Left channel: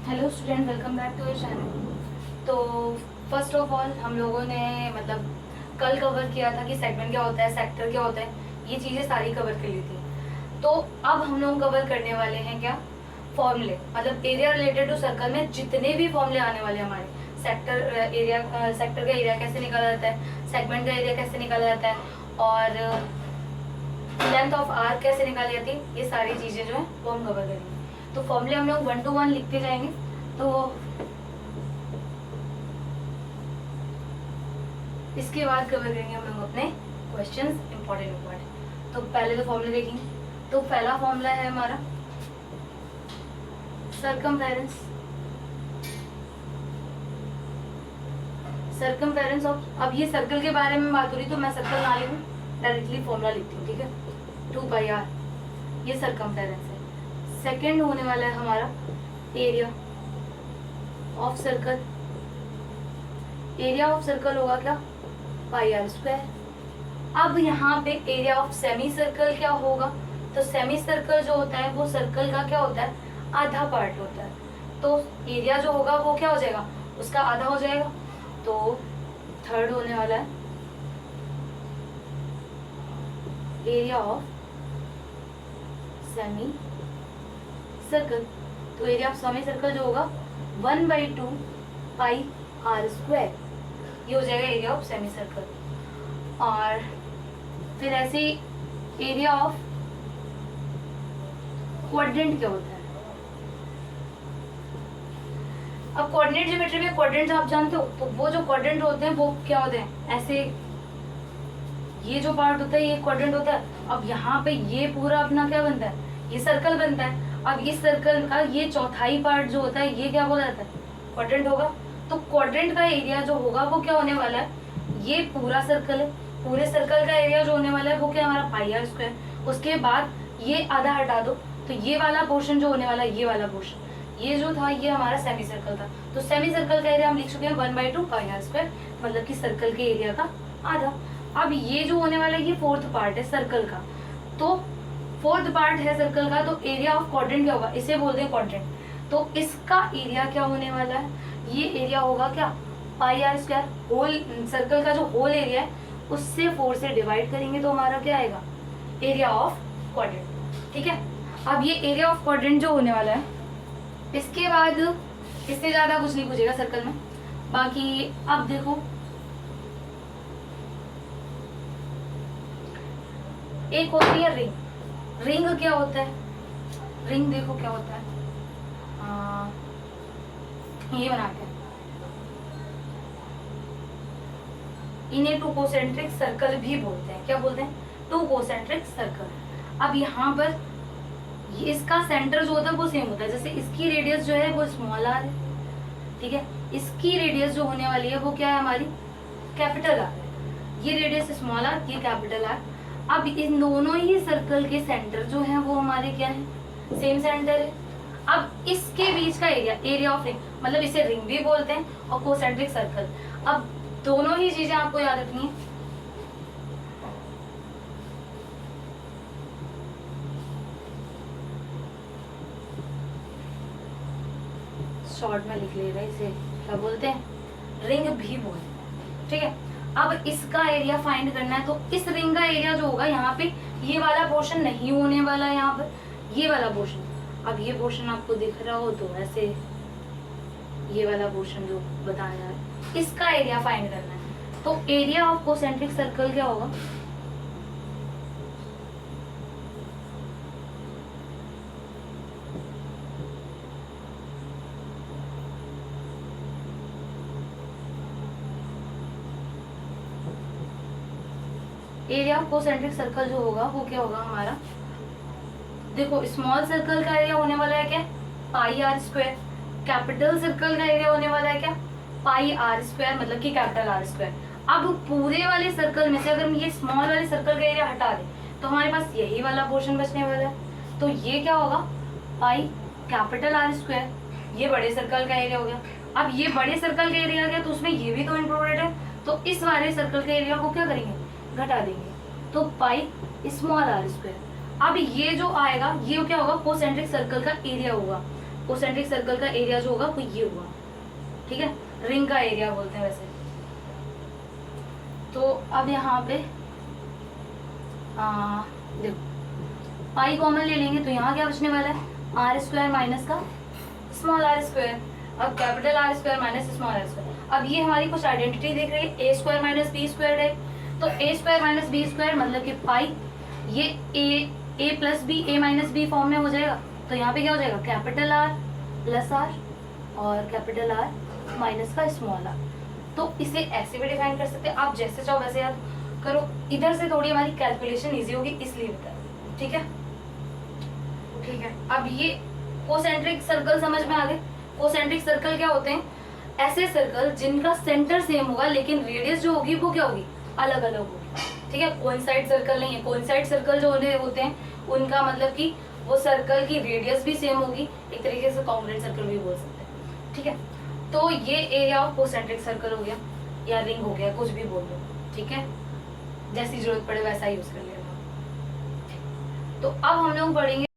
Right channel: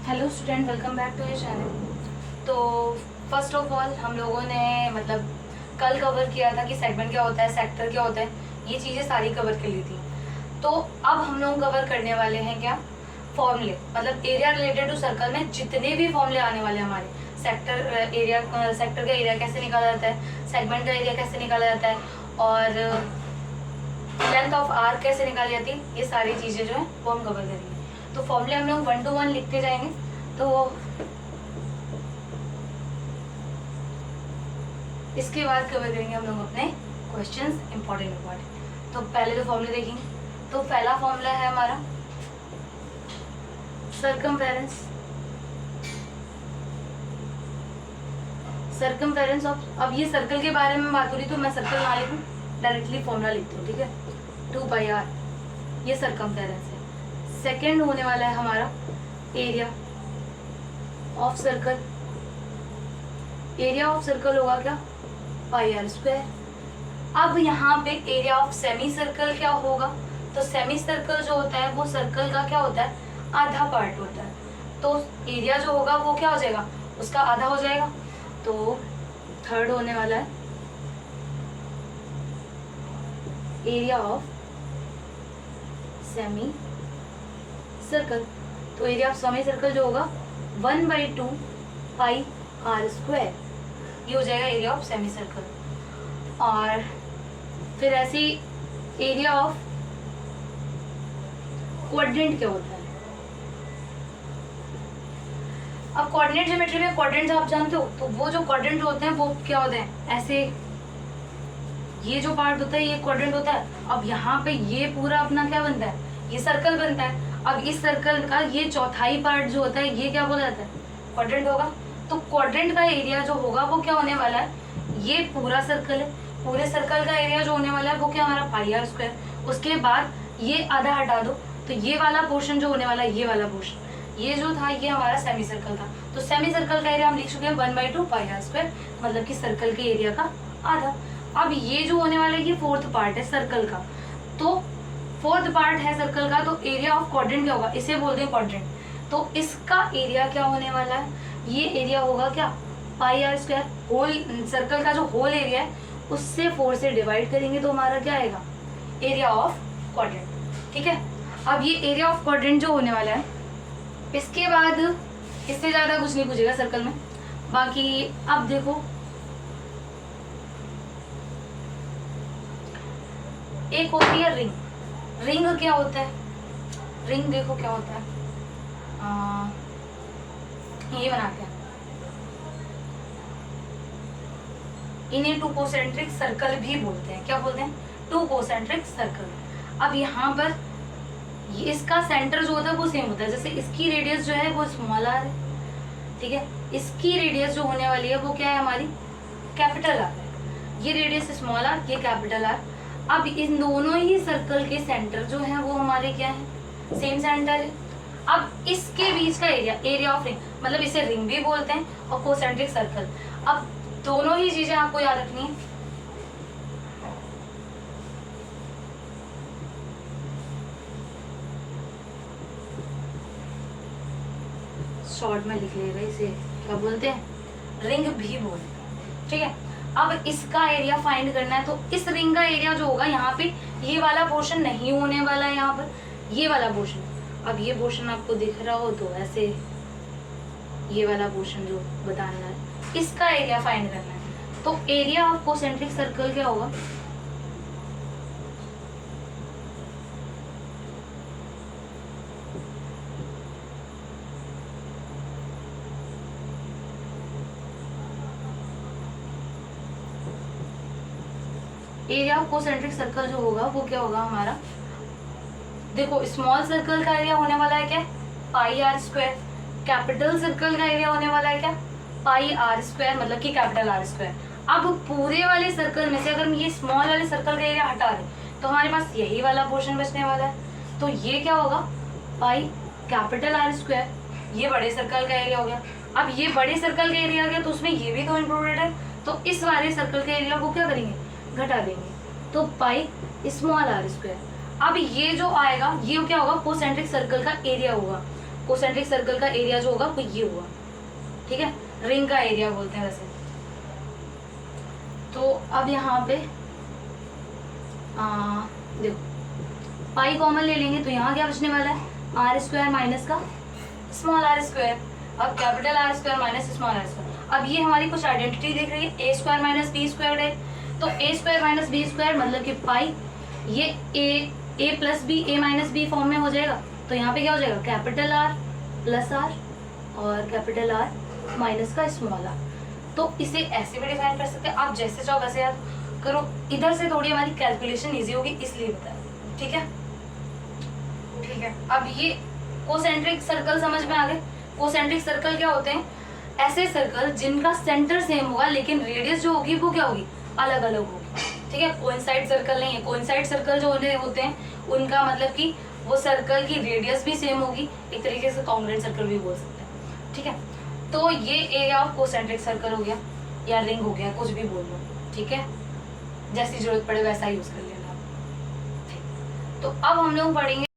Hello student, welcome back to your channel. तो first of all हम लोगों ने मतलब कल कवर किया था कि सेगमेंट क्या होता है, सेक्टर क्या होता है, ये चीज़ें सारी कवर कर ली थी। तो अब हम लोग कवर करने वाले हैं क्या, फॉर्मूले। मतलब एरिया रिलेटेड टू सर्कल में जितने भी फॉर्मूले आने वाले हैं हमारे, सेक्टर एरिया, सेक्टर का एरिया कैसे निकाला जाता है, सेगमेंट का एरिया कैसे निकाला जाता है, और लेंथ ऑफ आर्क कैसे निकाली जाती है, ये सारी चीज़ें जो है वो हम कवर करेंगे। तो फॉर्मूले हम लोग 1 to 1 लिखते जाएंगे। तो इसके बाद कवर करेंगे हम लोग अपने क्वेश्चंस, इंपॉर्टेंट। तो पहले तो फॉर्मूले देखेंगे। तो पहला फॉर्मूला है हमारा सरकमफेरेंस। सरकमफेरेंस ऑफ, अब ये सर्कल के बारे में बात हो रही तो मैं सर्कल ना लिखूं, डायरेक्टली फॉर्मूला लिखती हूँ, ठीक है। 2πr, ये सरकमफेरेंस है। सेकेंड होने वाला है हमारा area of circle. Area of circle होगा क्या, πr²। अब यहाँ पे एरिया ऑफ सेमी सर्कल क्या होगा, तो सेमी सर्कल जो होता है वो सर्कल का क्या होता है, आधा पार्ट होता है। तो एरिया जो होगा वो क्या हो जाएगा, उसका आधा हो जाएगा। तो थर्ड होने वाला है एरिया ऑफ सेमी सर्कल। तो एरिया ऑफ सेमी सर्कल जो होगा 1/2 πr², ये हो जाएगा एरिया ऑफ सेमी सर्कल। और फिर ऐसे एरिया ऑफ क्वाड्रेंट क्या होता है। अब कोऑर्डिनेट ज्योमेट्री में क्वाड्रेंट्स आप जानते हो, तो वो जो क्वाड्रेंट होते हैं वो क्या होते हैं, ऐसे ये जो पार्ट होता है ये क्वाड्रेंट होता है। अब यहाँ पे ये पूरा अपना क्या बनता है, ये सर्कल बनता है। अब इस सर्कल का ये चौथाई पार्ट जो होता है ये क्या बोला जाता है, क्वाड्रेंट होगा। तो क्वाड्रेंट का एरिया जो होगा वो क्या होने वाला है, ये पूरा सर्कल है, पूरे सर्कल का एरिया जो होने वाला है वो क्या हमारा πr²। उसके बाद ये आधा हटा दो, तो ये वाला पोर्शन जो होने वाला है, ये वाला पोर्शन, ये जो था ये हमारा सेमी सर्कल था। तो सेमी सर्कल का एरिया हम लिख चुके हैं 1/2 πr², मतलब कि सर्कल के एरिया का आधा। अब ये जो होने वाला है ये फोर्थ पार्ट है सर्कल का, तो फोर्थ पार्ट है सर्कल का, तो एरिया ऑफ क्वाड्रेंट क्या होगा, इसे बोलते हैं क्वाड्रेंट। तो इसका एरिया क्या होने वाला है, ये एरिया होगा क्या, πr²। होल सर्कल का जो होल एरिया है उससे 4 से डिवाइड करेंगे तो हमारा क्या आएगा, एरिया ऑफ क्वाड्रेंट, ठीक है। अब ये एरिया ऑफ क्वाड्रेंट जो होने वाला है, इसके बाद इससे ज्यादा कुछ नहीं पूछेगा सर्कल में। बाकी अब देखो एक होती है रिंग। रिंग क्या होता है, रिंग देखो क्या होता है, ये बनाते हैं, इन्हें टू कोसेंट्रिक सर्कल भी बोलते हैं। क्या बोलते हैं, टू कोसेंट्रिक सर्कल। अब यहाँ पर ये इसका सेंटर जो होता है वो सेम होता है, जैसे इसकी रेडियस जो है वो स्मॉल आर है, ठीक है। इसकी रेडियस जो होने वाली है वो क्या है हमारी, कैपिटल आर है। ये रेडियस स्मॉल आर, ये कैपिटल आर। अब इन दोनों ही सर्कल के सेंटर जो है वो हमारे क्या है, सेम सेंटर है। अब इसके बीच का एरिया, एरिया ऑफ रिंग, मतलब इसे रिंग भी बोलते हैं और कोसेंट्रिक सर्कल। अब दोनों ही चीजें आपको याद रखनी है। शॉर्ट में लिख लेगा, इसे क्या बोलते हैं, रिंग भी बोलते हैं, ठीक है। अब इसका एरिया फाइंड करना है, तो इस रिंग का एरिया जो होगा यहाँ पे ये वाला पोर्शन नहीं होने वाला है, यहाँ पर ये वाला पोर्शन। अब ये पोर्शन आपको दिख रहा हो तो ऐसे ये वाला पोर्शन जो बताना है, इसका एरिया फाइंड करना है। तो एरिया ऑफ कोसेंट्रिक सर्कल क्या होगा, एरिया ऑफ कोसेंट्रिक सर्कल जो होगा वो क्या होगा हमारा, देखो स्मॉल सर्कल का एरिया होने वाला है क्या, πr²। कैपिटल सर्कल का एरिया होने वाला है क्या, πr², मतलब कि कैपिटल r²। अब पूरे वाले सर्कल में से अगर हम ये स्मॉल वाले सर्कल का एरिया हटा दें तो हमारे पास यही वाला पोर्शन बचने वाला है। तो ये क्या होगा, पाई कैपिटल r², ये बड़े सर्कल का एरिया हो गया। अब ये बड़े सर्कल का एरिया आ गया तो उसमें ये भी तो इंक्लूडेड है, तो इस वाले सर्कल के एरिया को क्या करेंगे, घटा देंगे, तो पाई स्मॉल r²। अब ये जो आएगा ये क्या होगा, कोसेंट्रिक सर्कल का एरिया होगा। कोसेंट्रिक सर्कल का एरिया जो होगा वो ये होगा, ठीक है, रिंग का एरिया बोलते हैं वैसे। तो अब यहाँ पे देखो पाई कॉमन ले लेंगे तो यहाँ क्या बचने वाला है, आर स्क्वायर माइनस का स्मॉल आर स्क्वायर, अब capital R square minus small R square. अब ये हमारी कुछ आइडेंटिटी देख रही है, A square minus B square है, तो A square minus B square मतलब कि पाई, ये A plus B, A minus B form में हो जाएगा, तो यहाँ पे क्या हो जाएगा, कैपिटल आर प्लस आर और कैपिटल आर माइनस का स्मॉल आर। तो इसे ऐसे भी डिफाइन कर सकते हैं, आप जैसे चाहो वैसे याद करो, इधर से थोड़ी हमारी कैलकुलेशन इजी होगी इसलिए बताया, ठीक है। ठीक है, अब ये कोसेंट्रिक सर्कल समझ में आ गए। कोसेंट्रिक सर्कल क्या होते हैं, ऐसे सर्कल जिनका सेंटर सेम होगा लेकिन रेडियस जो होगी वो क्या होगी, अलग अलग होगी, ठीक है। कोइंसाइड सर्कल नहीं है, कोइंसाइड सर्कल जो होते हैं उनका मतलब कि वो सर्कल की रेडियस भी सेम होगी, एक तरीके से कॉन्ग्रुएंट सर्कल भी बोल सकते हैं, ठीक है। तो ये एरिया ऑफ कोसेंट्रिक सर्कल हो गया या रिंग हो गया, कुछ भी बोल लो, ठीक है, जैसी जरूरत पड़े वैसा यूज कर लेना। तो अब हम लोग पढ़ेंगे